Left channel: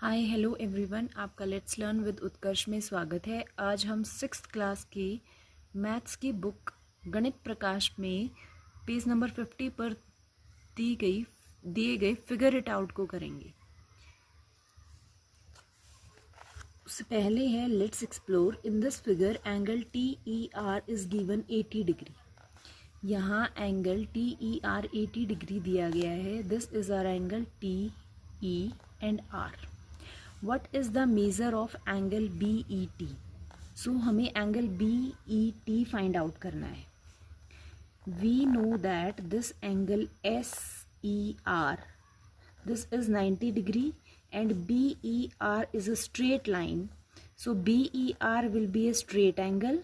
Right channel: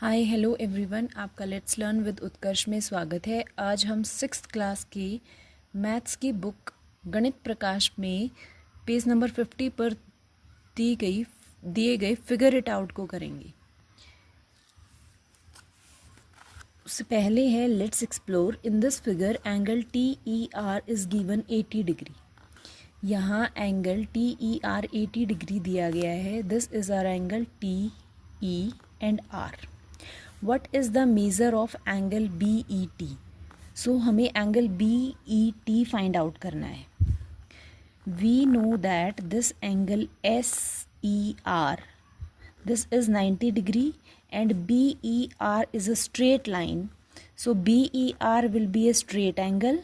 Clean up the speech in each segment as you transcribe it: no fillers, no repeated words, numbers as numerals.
Hi hello everyone, आपका let's learn with उत्कर्ष में स्वागत है। आज हम 6th क्लास की मैथ्स की बुक गणित प्रकाश में पेज नंबर 50 पर दिए गए फिगर इट आउट को करेंगे। उससे पहले है let's explore. In this figure angle TER is given 80 degree. यहाँ एंगल TER 80 डिग्री दिया गया है। This is hour angle TE and R. What is the measure of angle BET? So हमें angle BET find out करना है. We know that this angle SER, this is 90 degree and BER is a straight line. So BER will be a straight angle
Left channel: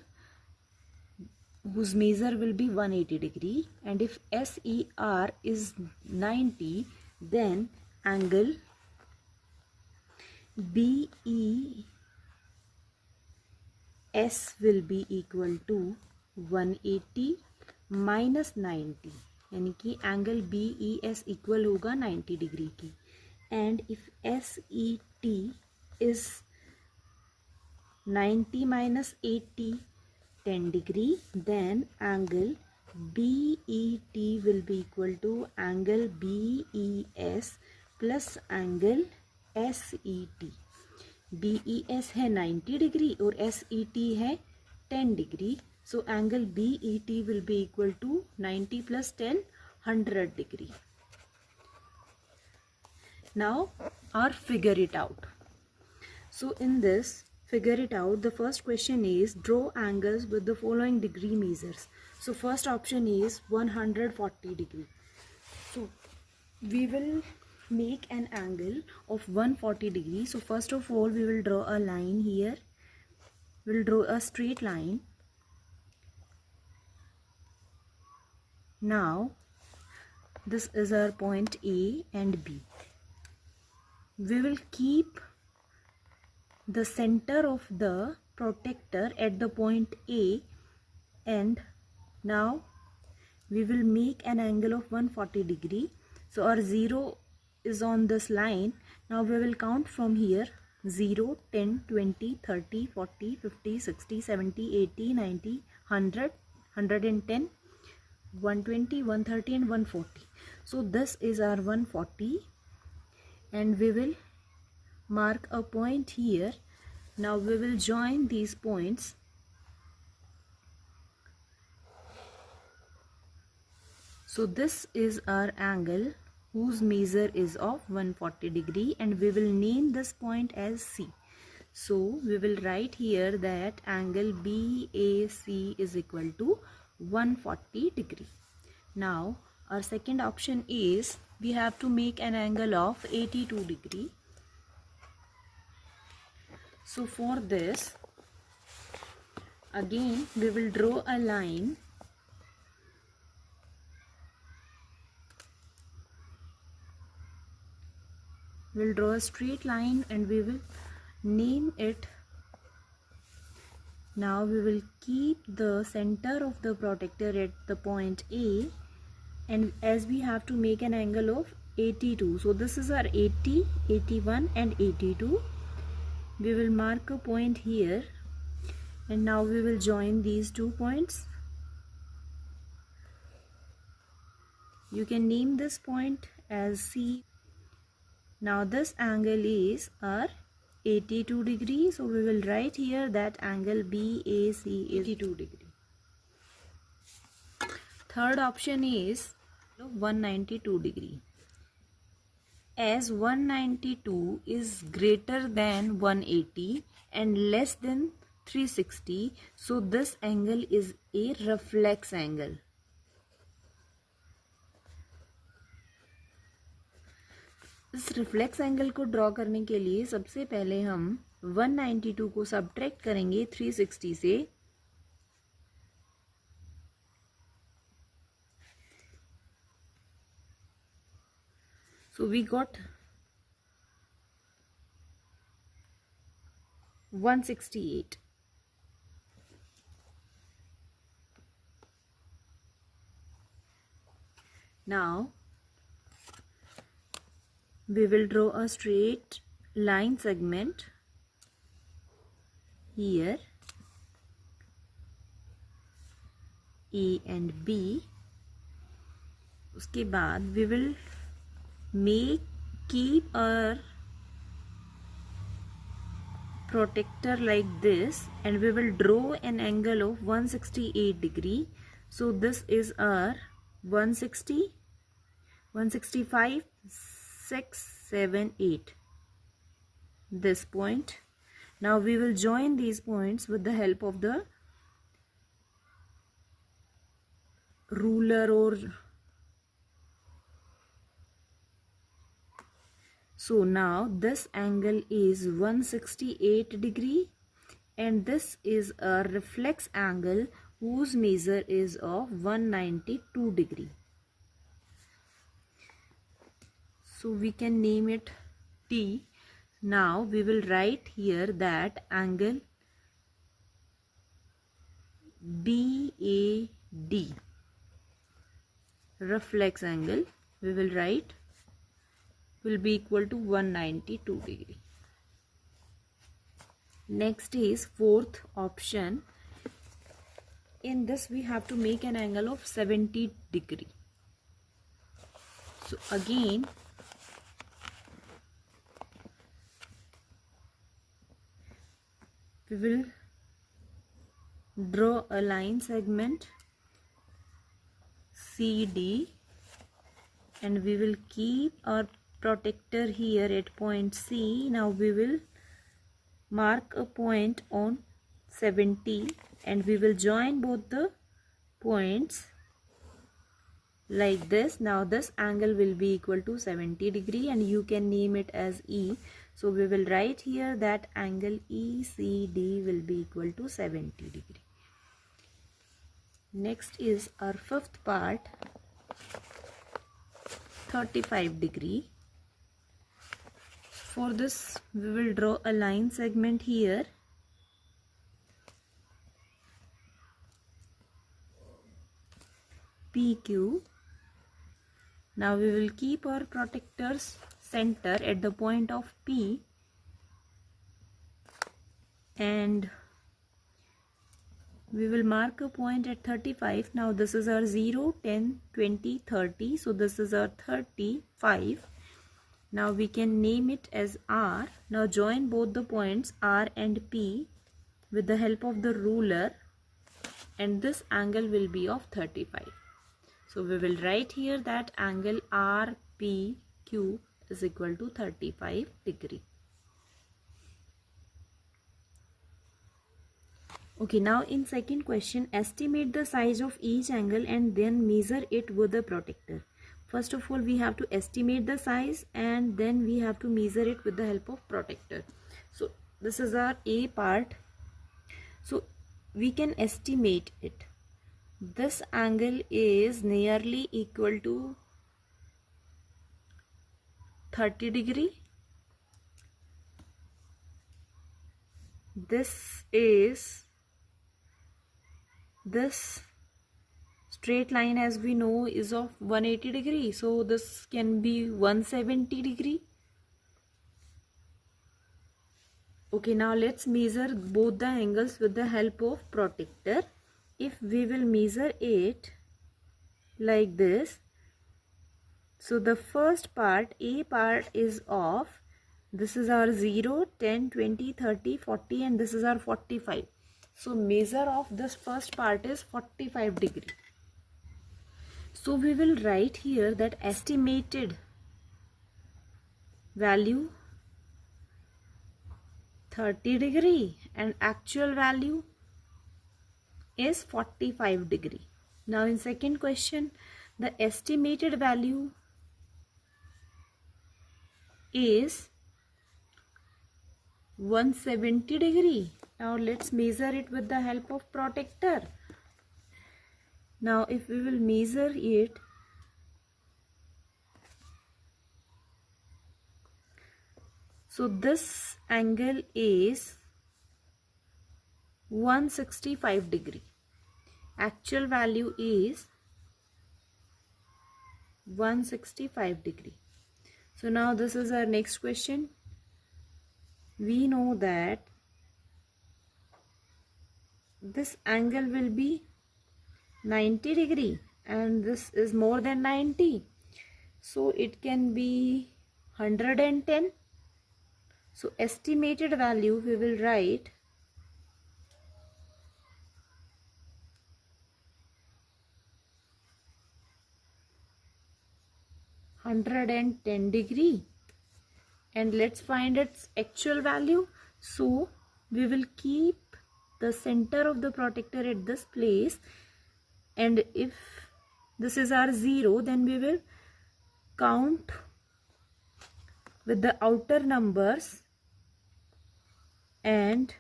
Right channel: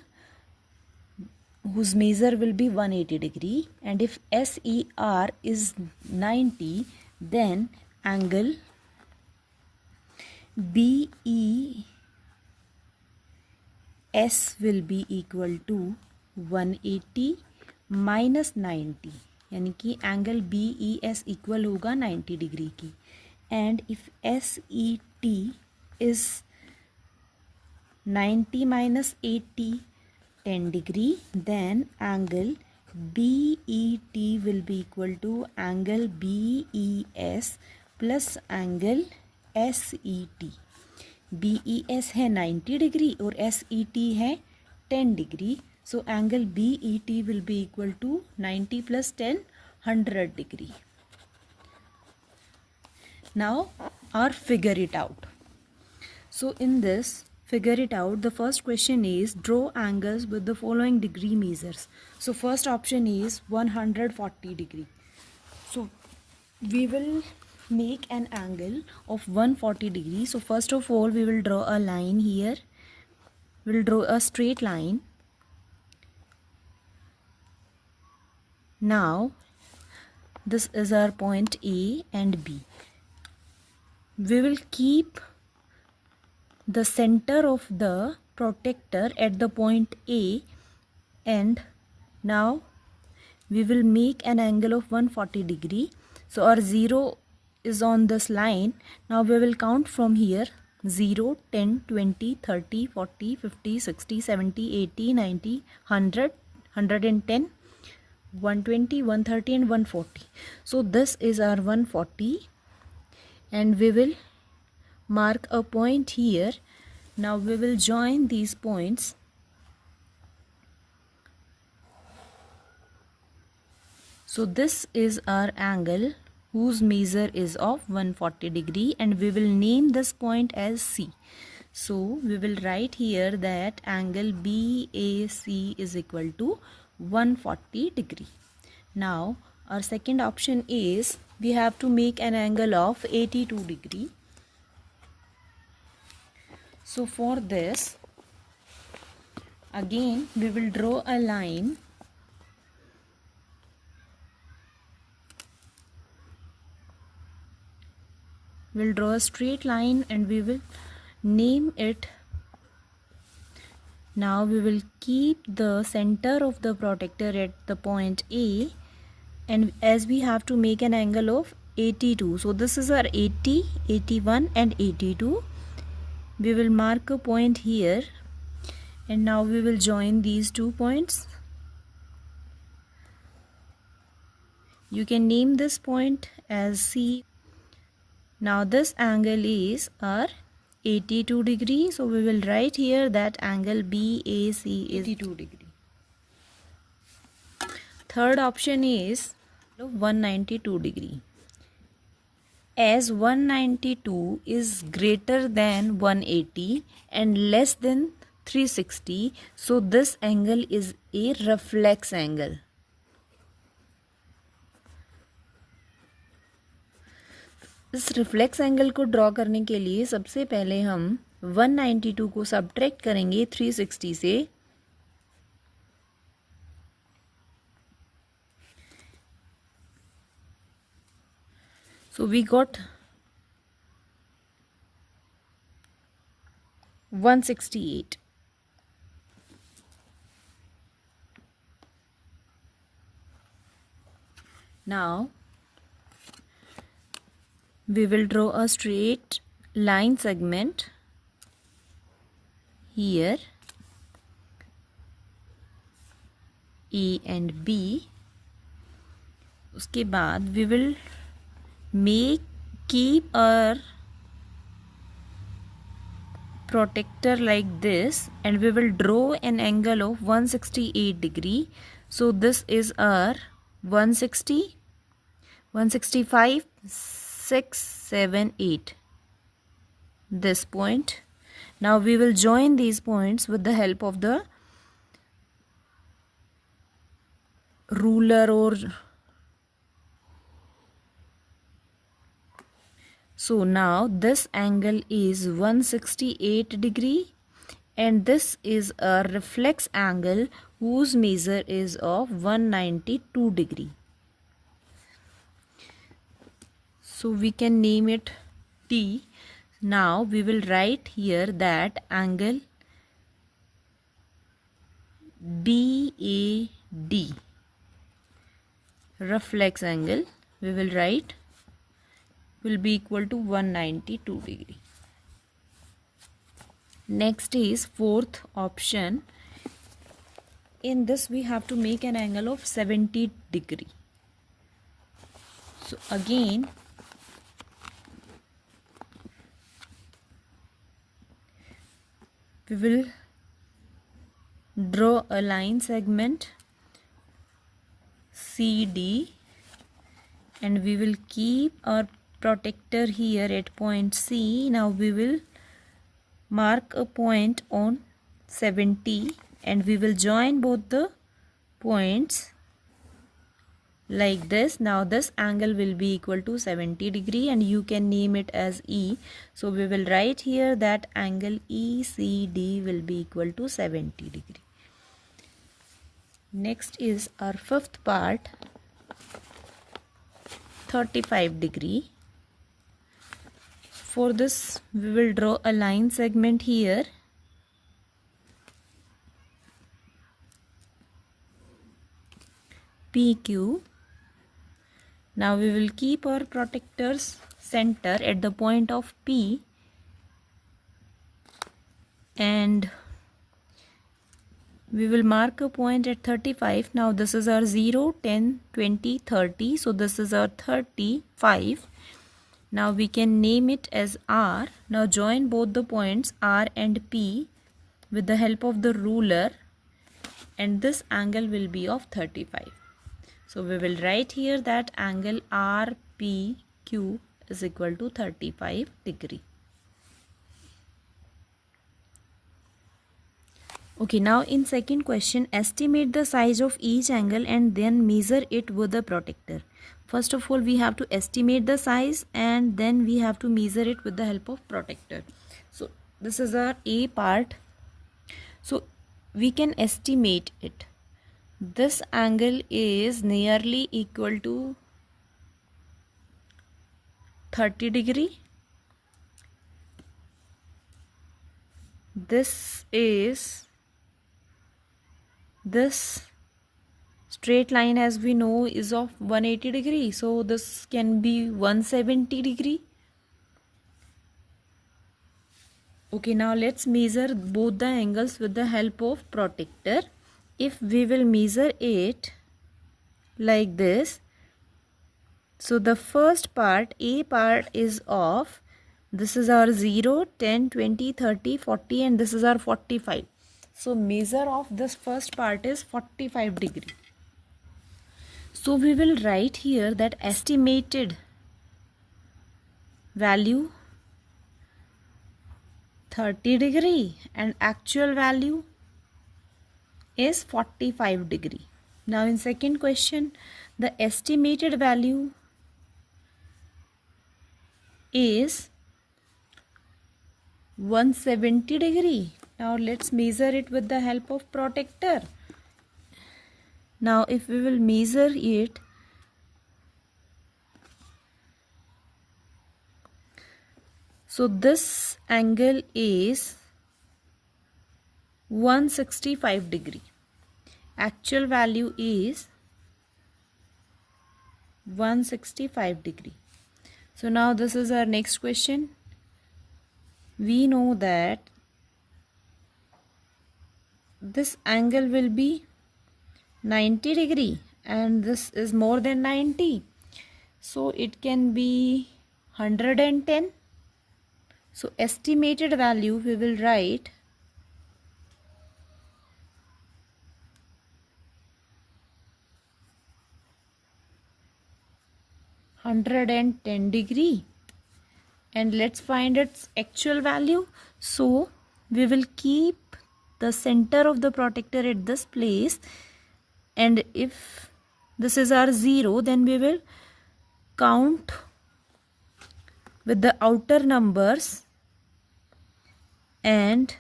whose measure will be 180 degree, and if SER is 90, then angle BES will be equal to 180 minus 90, यानी कि angle BES equal होगा 90 degree की. And if SET is 90 minus 80 10 degree, then angle BET will be equal to angle BES plus angle SET. BES है 90 degree और SET है 10 degree. So angle BET will be equal to 90 plus 10 100 degree. Now or figure it out. So in this figure it out, the first question is draw angles with the following degree measures. So first option is 140 degree. So we will make an angle of 140 degree. So first of all we will draw a line here. We will draw a straight line. Now this is our point A and B. We will keep the center of the protector at the point A, and now we will make an angle of 140 degree. So our 0 is on this line. Now we will count from here: 0, 10, 20, 30, 40, 50, 60, 70, 80, 90, 100, 110, 120, 130 and 140. So this is our 140, and we will mark a point here. Now we will join these points. So this is our angle whose measure is of 140 degree, and we will name this point as C. So we will write here that angle BAC is equal to 140 degree. Now our second option is we have to make an angle of 82 degree. So for this, again we will draw a line. We'll draw a straight line and we will name it. Now we will keep the center of the protector at the point A, and as we have to make an angle of 82, so this is our 80, 81 and 82. We will mark a point here, and now we will join these 2 points. You can name this point as C. Now this angle is our 82 degree. So we will write here that angle BAC is 82 degree. Third option is 192 degree. As 192 is greater than 180 and less than 360, so this angle is a reflex angle. इस reflex angle को draw करने के लिए सबसे पहले हम 192 को subtract करेंगे 360 से. So we got 168. Now we will draw a straight line segment here, A and B. उसके बाद we will keep our protector like this, and we will draw an angle of 168 degree. So this is our 160, 165, 6, 7, 8. This point. Now we will join these points with the help of the ruler or so now this angle is 168 degree, and this is a reflex angle whose measure is of 192 degree. So we can name it T. Now we will write here that angle BAD, reflex angle, we will write will be equal to 192 degree. Next is fourth option. In this we have to make an angle of 70 degree. So again we will draw a line segment CD, and we will keep our protector here at point C. Now we will mark a point on 70, and we will join both the points like this. Now this angle will be equal to 70 degree, and you can name it as E. So we will write here that angle ECD will be equal to 70 degree. Next is our fifth part, 35 degree. For this we will draw a line segment here, PQ. Now we will keep our protector's center at the point of P, and we will mark a point at 35. Now this is our 0, 10, 20, 30. So this is our 35. Now we can name it as R. Now join both the points R and P with the help of the ruler, and this angle will be of 35. So we will write here that angle RPQ is equal to 35 degree. Okay, now in second question, estimate the size of each angle and then measure it with the protector. First of all, we have to estimate the size, and then we have to measure it with the help of protector. So this is our A part. So we can estimate it. This angle is nearly equal to 30 degree. This straight line, as we know, is of 180 degree. So this can be 170 degree. Okay, now let's measure both the angles with the help of protector. If we will measure it like this, so the first part, A part, is of, this is our 0, 10, 20, 30, 40, and this is our 45. So measure of this first part is 45 degree. So we will write here that estimated value 30 degree and actual value is 45 degree. Now in second question, the estimated value is 170 degree. Now let's measure it with the help of protector. Now if we will measure it, so this angle is 165 degree. Actual value is 165 degree. So now this is our next question. we know that this angle will be 90 degree and this is more than 90, so it can be 110. So estimated value we will write 110 degree, and let's find its actual value. So we will keep the center of the protector at this place, and if this is our 0, then we will count with the outer numbers, and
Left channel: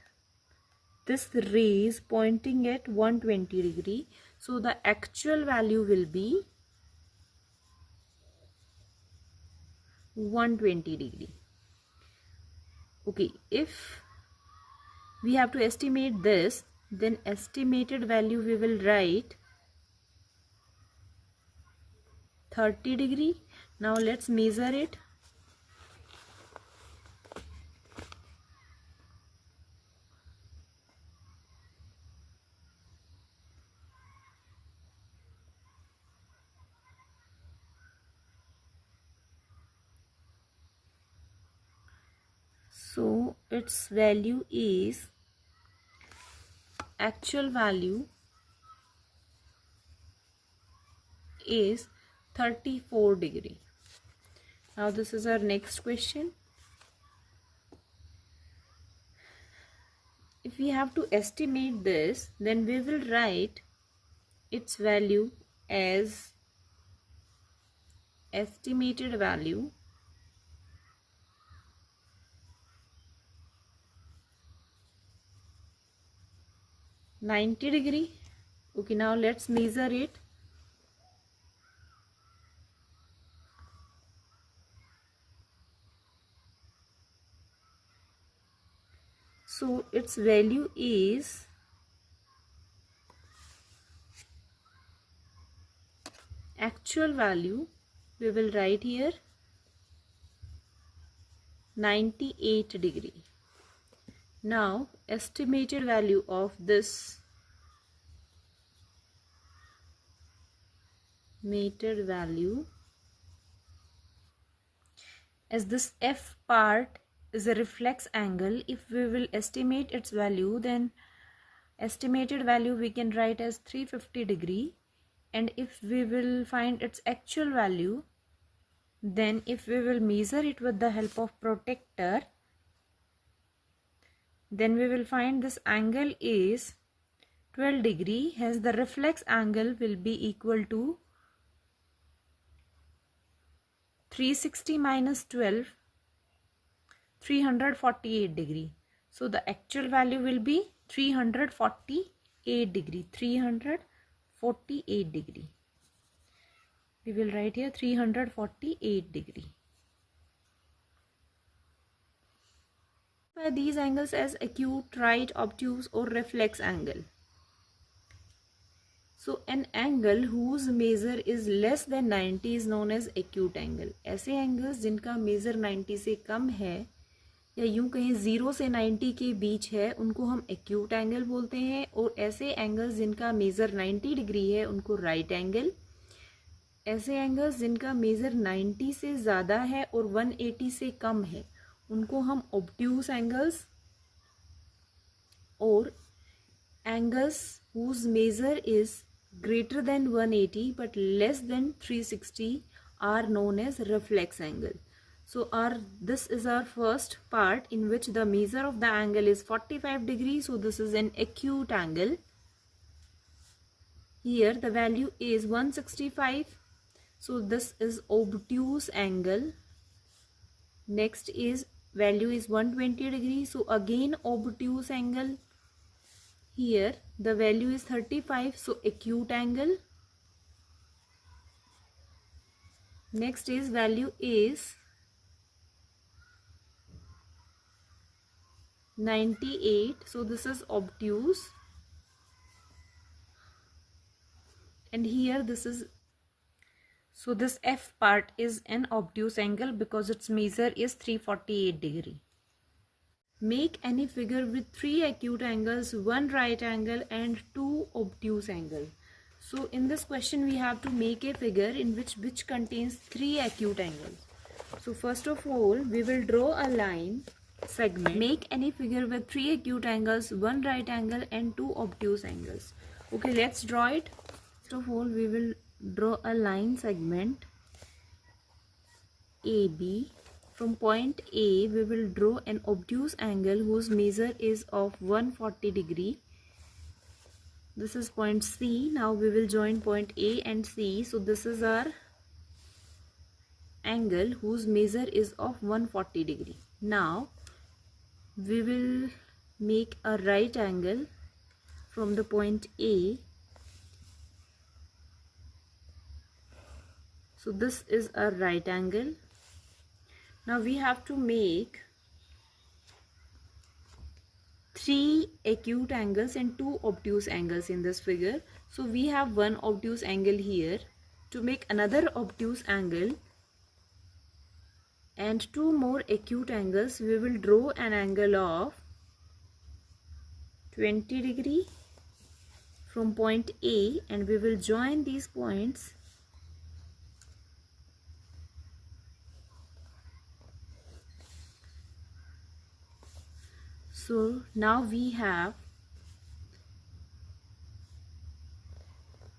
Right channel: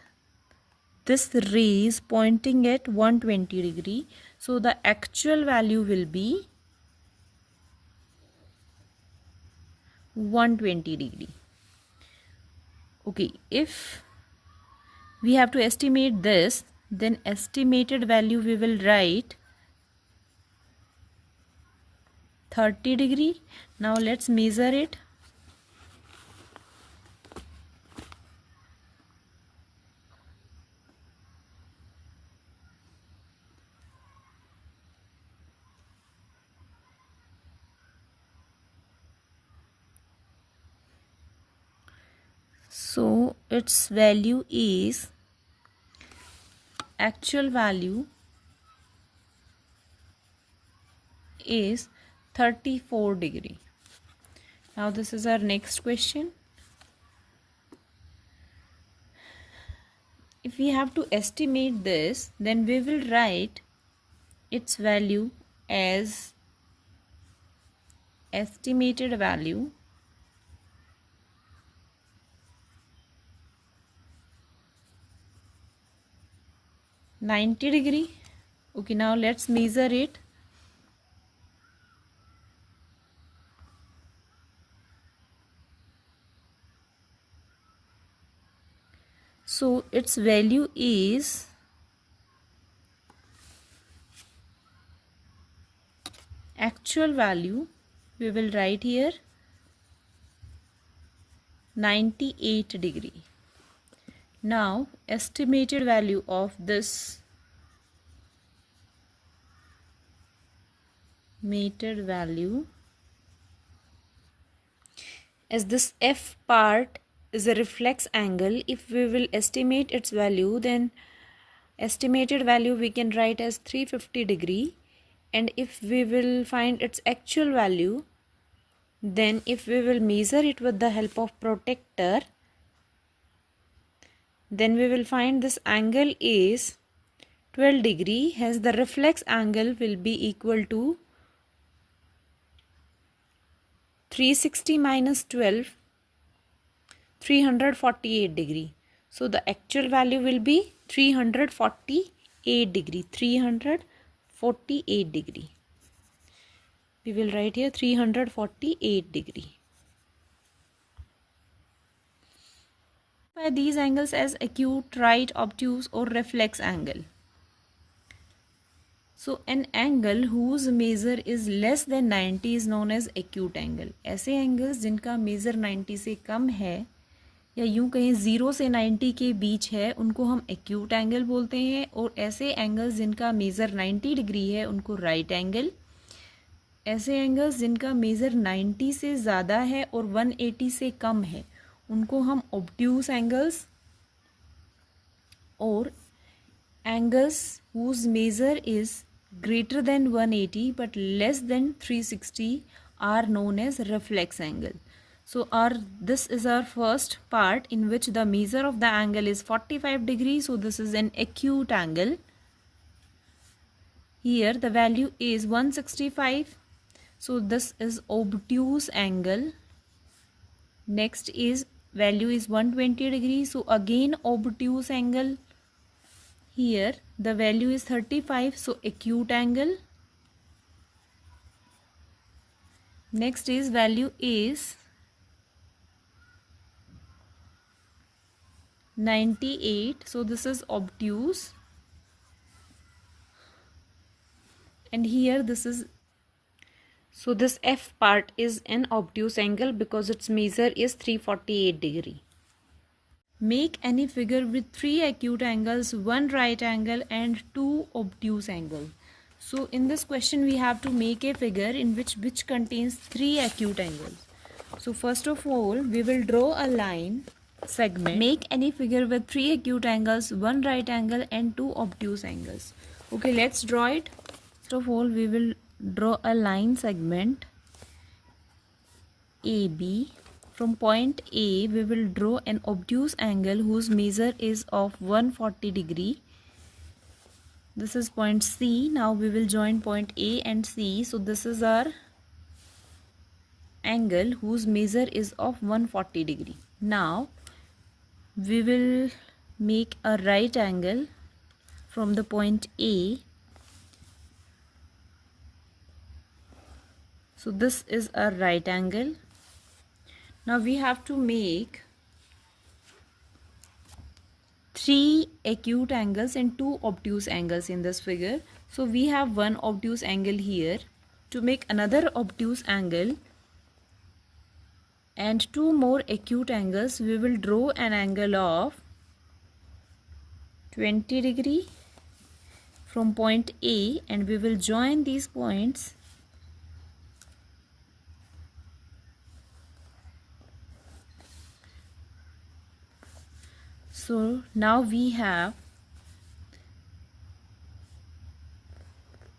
this ray is pointing at 120 degree, so the actual value will be 120 degree. Okay, if we have to estimate this, then estimated value we will write 30 degree. Now let's measure it. So its value is, actual value is 34 degree. Now this is our next question. If we have to estimate this, then we will write its value as estimated value (90°). Okay, now let's measure it. So its value is actual value, we will write here 98°. Now estimated value of this meted value, as this F part is a reflex angle, if we will estimate its value, then estimated value we can write as 350°, and if we will find its actual value, then if we will measure it with the help of protector, then we will find this angle is 12°, hence the reflex angle will be equal to 360 minus 12, 348°. So the actual value will be 348°. 348°. We will write here 348°. By these angles as acute, right, obtuse or reflex angle. So an angle whose measure is less than 90 is known as acute angle. ऐसे angles जिनका measure 90 से कम है या यूं कहें 0 से 90 के बीच है, उनको हम acute angle बोलते हैं, और ऐसे angles जिनका measure 90 डिग्री है उनको right angle। ऐसे angles जिनका measure 90 से ज़्यादा है और 180 से कम है उनको हम obtuse angles, और angles whose measure is greater than 180 but less than 360 are known as reflex angle. So this is our first part in which the measure of the angle is 45 degrees. So this is an acute angle. Here the value is 165. So this is obtuse angle. Next is value is 120 degrees. So again obtuse angle. Here the value is 35, so acute angle. Next is value is 98, so this is obtuse. And here this is, so this F part is an obtuse angle because its measure is 348 degree. Make any figure with 3 acute angles, 1 right angle and 2 obtuse angles. So in this question we have to make a figure in which contains 3 acute angles. So first of all we will draw a line segment. Make any figure with 3 acute angles, 1 right angle and 2 obtuse angles. Okay, let's draw it. First of all we will draw a line segment AB. From point A, we will draw an obtuse angle whose measure is of 140 degree. This is point C. Now we will join point A and C. So this is our angle whose measure is of 140 degree. Now we will make a right angle from the point A. So this is a right angle. Now we have to make 3 acute angles and 2 obtuse angles in this figure. So we have one obtuse angle here. To make another obtuse angle and 2 more acute angles, we will draw an angle of 20 degree from point A and we will join these points. So now we have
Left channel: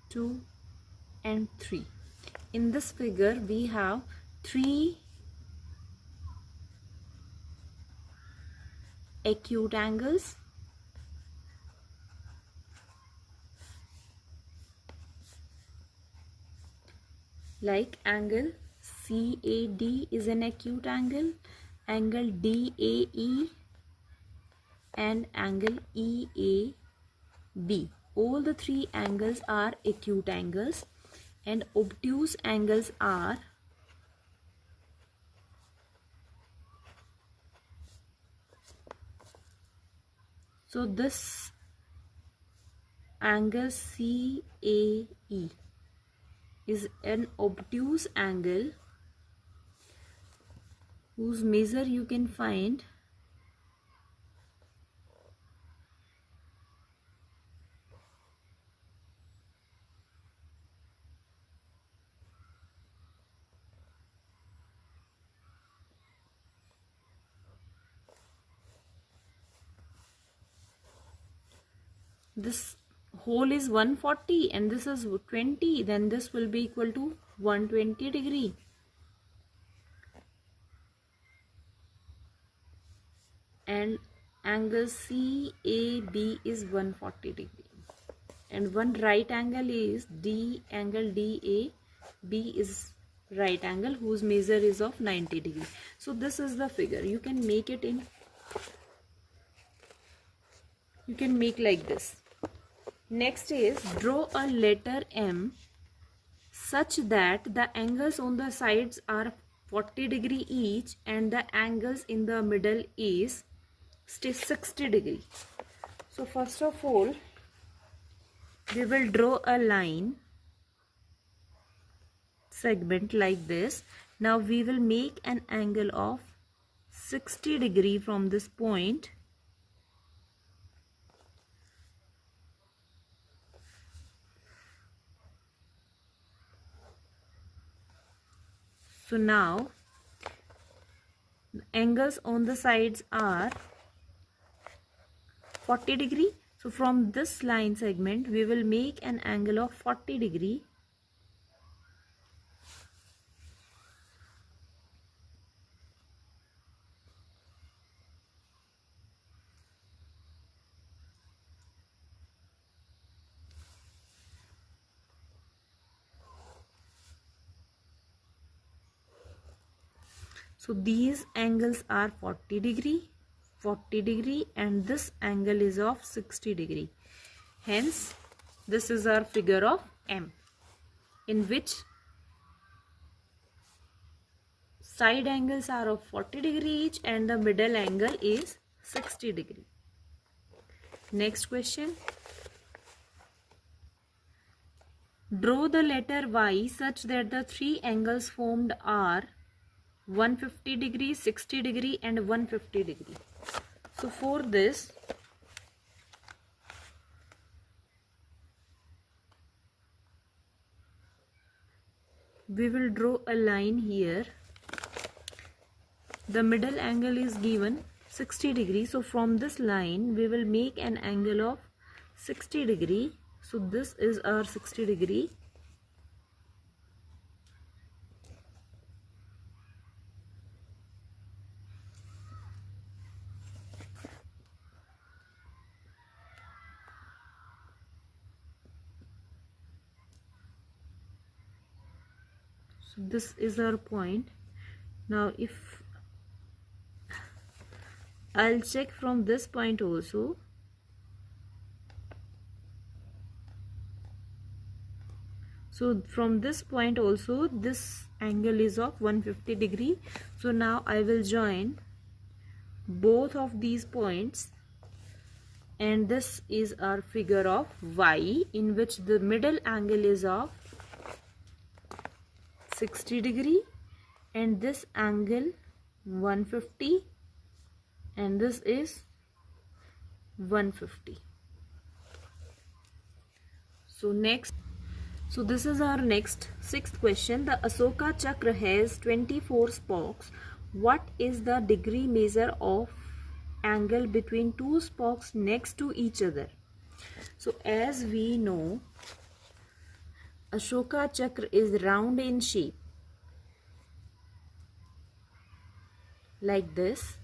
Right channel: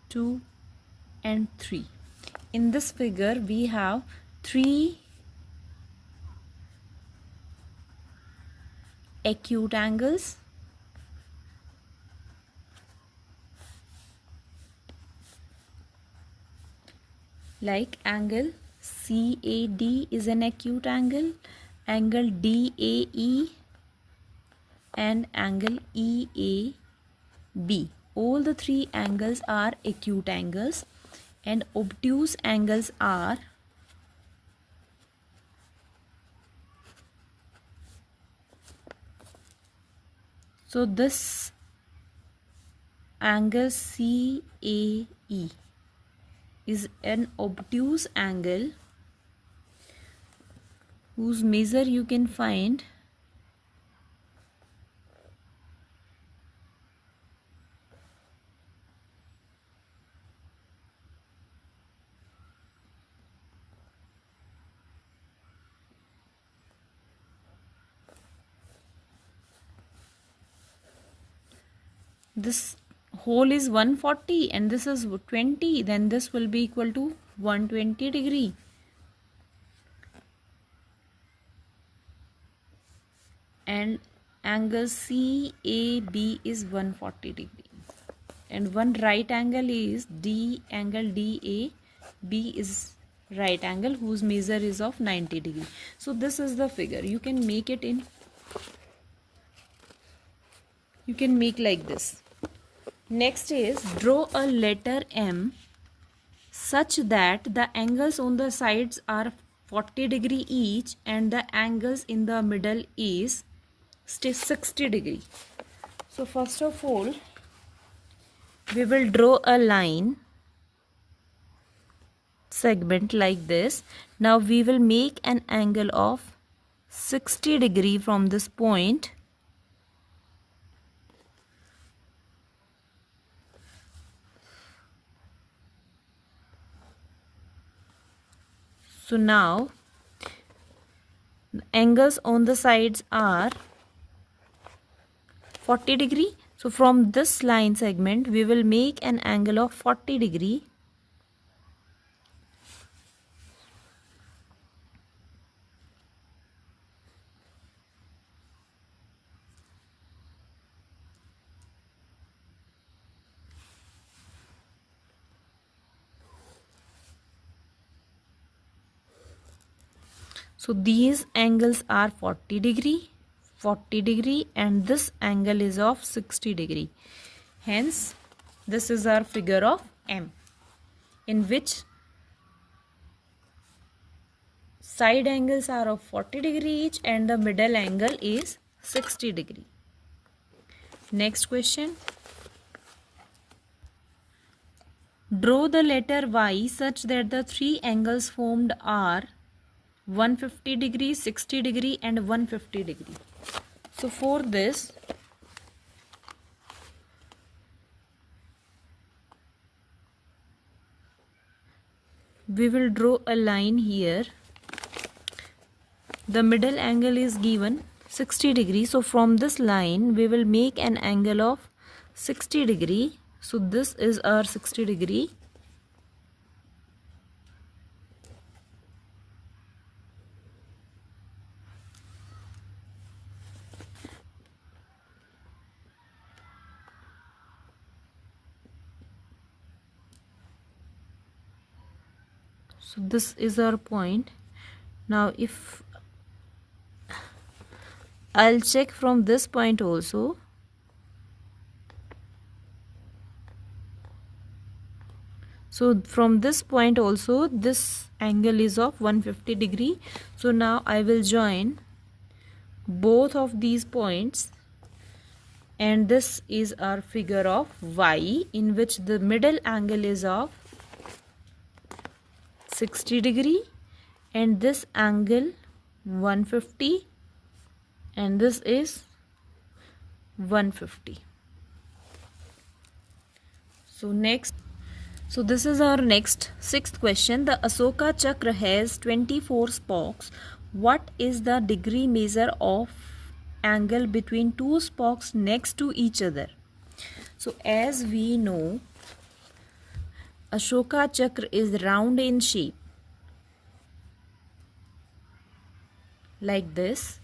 2 and 3. In this figure we have 3 acute angles like angle CAD is an acute angle, angle DAE and angle EAB. All the 3 angles are acute angles and obtuse angles are so this angle CAE is an obtuse angle whose measure you can find this whole is 140 and this is 20, then this will be equal to 120 degree. And angle CAB is 140 degree. And one right angle is angle DAB is right angle whose measure is of 90 degree. So this is the figure. You can make it in, you can make like this. Next is draw a letter M such that the angles on the sides are 40 degree each and the angles in the middle is 60 degree. So first of all we will draw a line segment like this. Now we will make an angle of 60 degree from this point. So now the angles on the sides are 40 degree. So from this line segment we will make an angle of 40 degree. So these angles are 40 degree, 40 degree and this angle is of 60 degree. Hence this is our figure of M in which side angles are of 40 degree each and the middle angle is 60 degree. Next question. Draw the letter Y such that the 3 angles formed are 150 degree, 60 degree and 150 degree. So for this, we will draw a line here. The middle angle is given 60 degree. So from this line we will make an angle of 60 degree. So this is our 60 degree. So this is our point. Now if I'll check from this point also. So from this point also this angle is of 150 degree. So now I will join both of these points, and this is our figure of Y, in which the middle angle is of 60 degree and this angle 150, and this is 150. So this is our next sixth question. The Ashoka Chakra has 24 spokes. What is the degree measure of angle between two spokes next to each other? So as we know, Ashoka Chakra is round in shape, like this.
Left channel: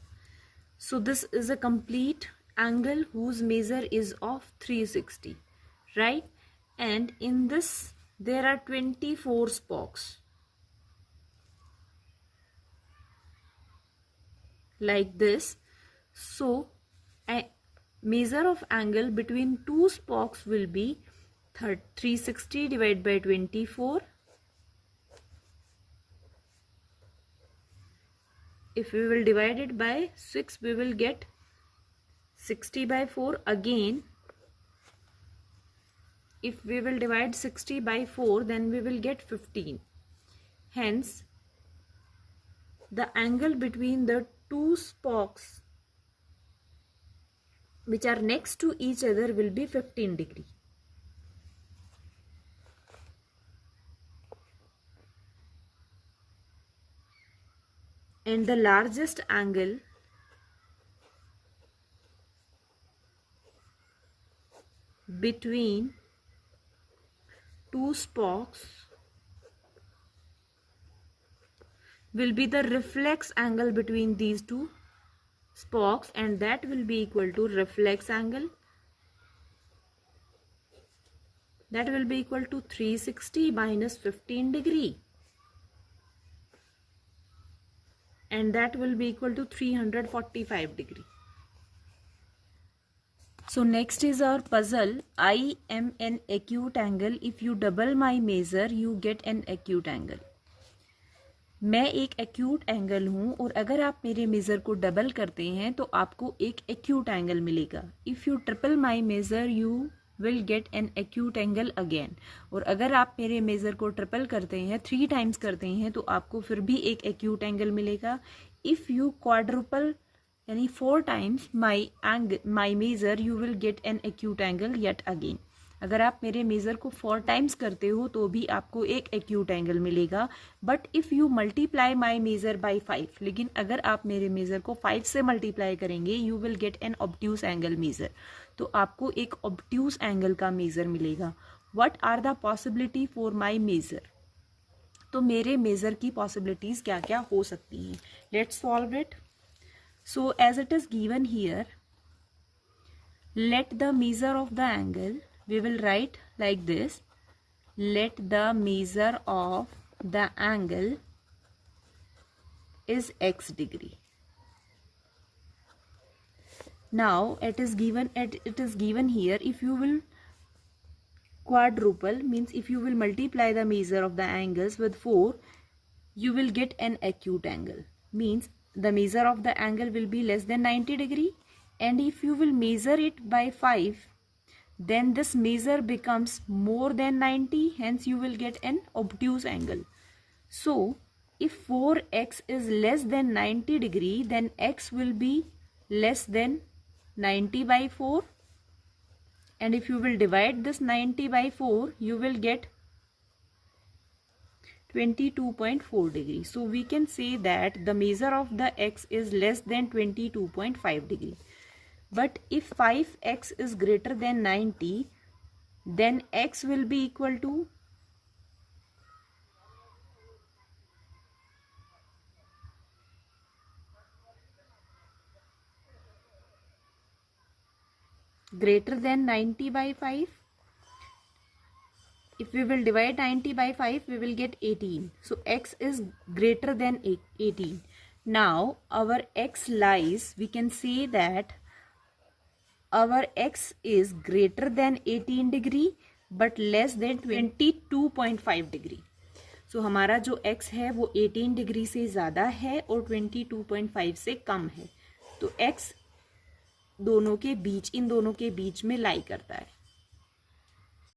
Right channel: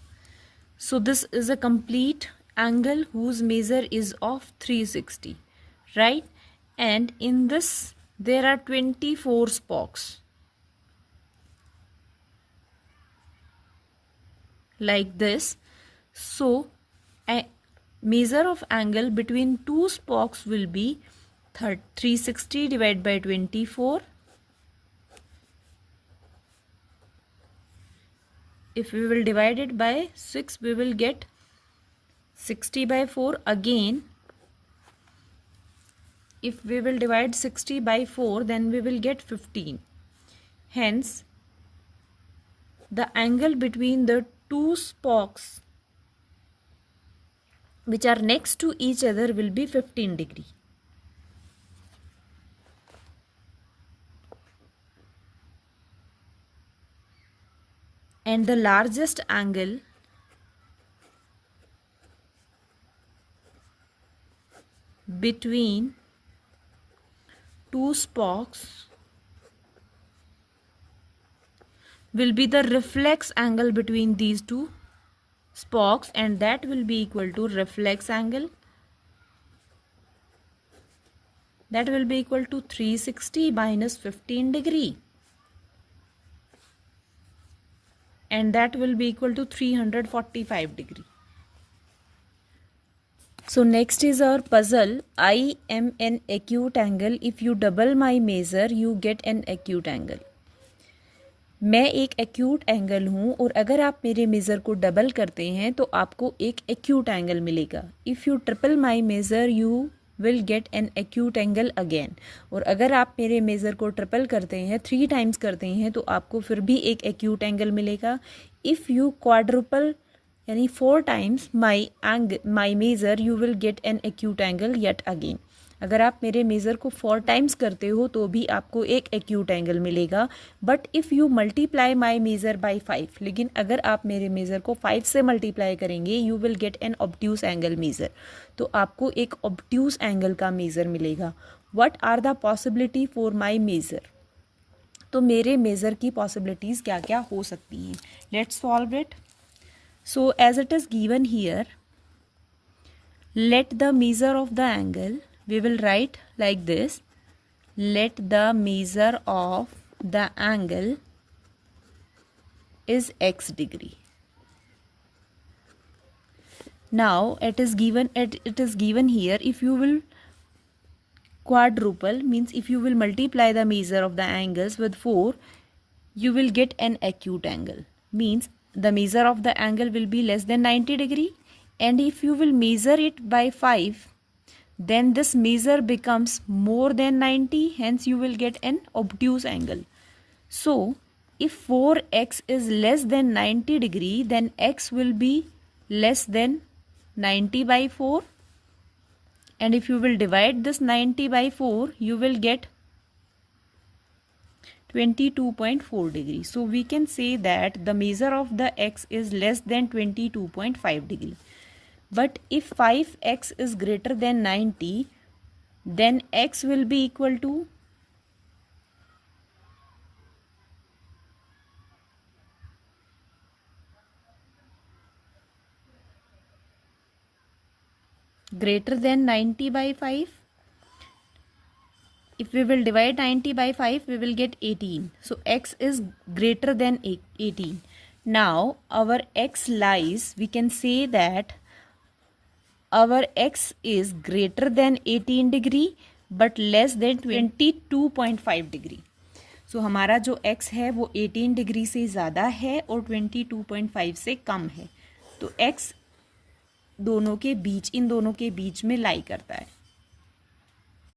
So this is a complete angle whose measure is of 360, right? And in this there are 24 spokes, like this. So a measure of angle between two spokes will be 360 divided by 24. If we will divide it by 6, we will get 60 by 4. Again, if we will divide 60 by 4, then we will get 15. Hence, the angle between the two spokes which are next to each other will be 15 degree. And the largest angle between two spokes will be the reflex angle between these two spokes, and that will be equal to reflex angle. That will be equal to 360 minus 15 degree. And that will be equal to 345 degree. So next is our puzzle. I am an acute angle. If you double my measure, you get an acute angle. मैं एक acute angle हूँ और अगर आप मेरे measure को double करते हैं तो आपको एक एक्यूट एंगल मिलेगा. If you triple my measure you will get an acute angle again. और अगर आप मेरे मेज़र को ट्रिपल करते हैं, 3 टाइम्स करते हैं, तो आपको फिर भी एक एक्यूट एंगल मिलेगा. इफ़ यू क्वाड्रुपल यानी 4 times my measure you will get an acute angle yet again. अगर आप मेरे मेज़र को 4 टाइम्स करते हो तो भी आपको एक एक्यूट एंगल मिलेगा. But if you multiply my measure by 5, लेकिन अगर आप मेरे मेज़र को 5 से मल्टीप्लाई करेंगे you will get an obtuse angle measure. तो आपको एक ऑब्ट्यूस एंगल का मेज़र मिलेगा. What are the possibility for my measure? तो मेरे मेज़र की पॉसिबिलिटीज़ क्या क्या हो सकती हैं? Let's solve it. So as it is given here, let the measure of the angle, we will write like this: let the measure of the angle is x degree. Now it is given here, if you will quadruple, means if you will multiply the measure of the angles with 4, you will get an acute angle, means the measure of the angle will be less than 90 degree. And if you will measure it by 5, then this measure becomes more than 90, hence you will get an obtuse angle. So if 4x is less than 90 degree, then x will be less than 90/4, and if you will divide this 90/4, you will get 22.4 degree. So we can say that the measure of the x is less than 22.5 degree. But if 5x is greater than 90, then x will be equal to greater than 90/5. If we will divide 90/5, we will get 18. So x is greater than 18. Now our x lies, we can say that our x is greater than 18 degree but less than 22.5 degree. So हमारा जो x है वो 18 degree से ज़्यादा है और 22.5 से कम है. तो x दोनों के बीच, इन दोनों के बीच में लाई करता है.